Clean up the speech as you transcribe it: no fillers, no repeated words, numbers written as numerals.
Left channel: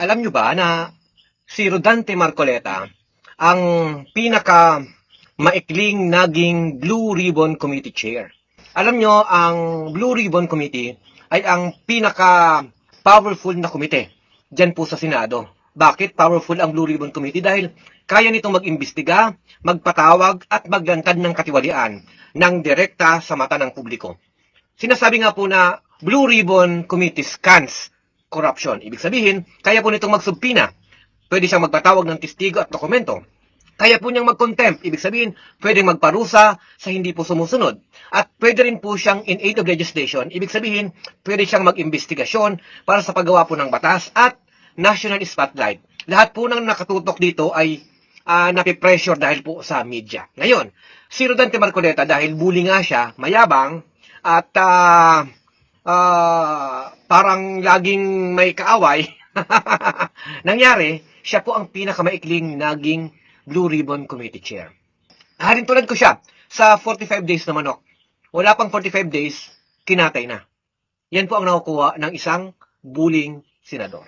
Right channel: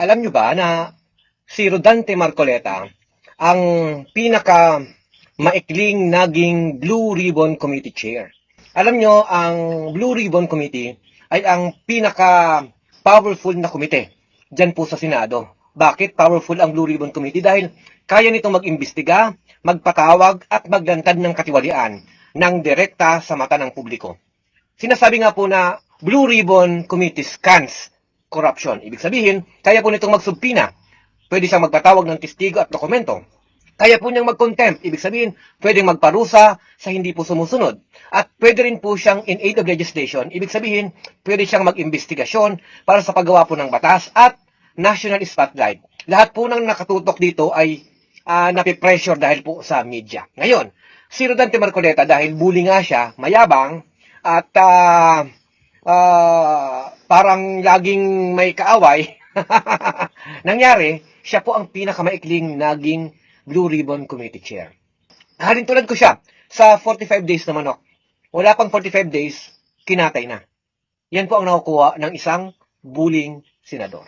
Alam nyo ba na si Rodante Marcoleta ang pinaka maikling naging Blue Ribbon Committee Chair? Alam nyo, ang Blue Ribbon Committee ay ang pinaka powerful na komite dyan po sa Senado. Bakit powerful ang Blue Ribbon Committee? Dahil kaya nitong mag-imbestiga, magpatawag at maglantad ng katiwalian ng direkta sa mata ng publiko. Sinasabi nga po na Blue Ribbon Committee scans corruption. Ibig sabihin, kaya po nitong magsubpina. Pwede siyang magpatawag ng testigo at dokumento. Kaya po niyang mag-contempt. Ibig sabihin, pwedeng magparusa sa hindi po sumusunod. At pwede rin po siyang in aid of legislation. Ibig sabihin, pwede siyang mag-investigasyon para sa paggawa po ng batas at national spotlight. Lahat po ng nakatutok dito ay napipressure dahil po sa media. Ngayon, si Rodante Marcoleta dahil bully nga siya, mayabang, at parang laging may kaaway, nangyari, siya po ang pinakamaikling naging Blue Ribbon Committee Chair. Halin tulad ko siya sa 45 days na manok. Wala pang 45 days, kinatay na. Yan po ang nakukuha ng isang bullying senador.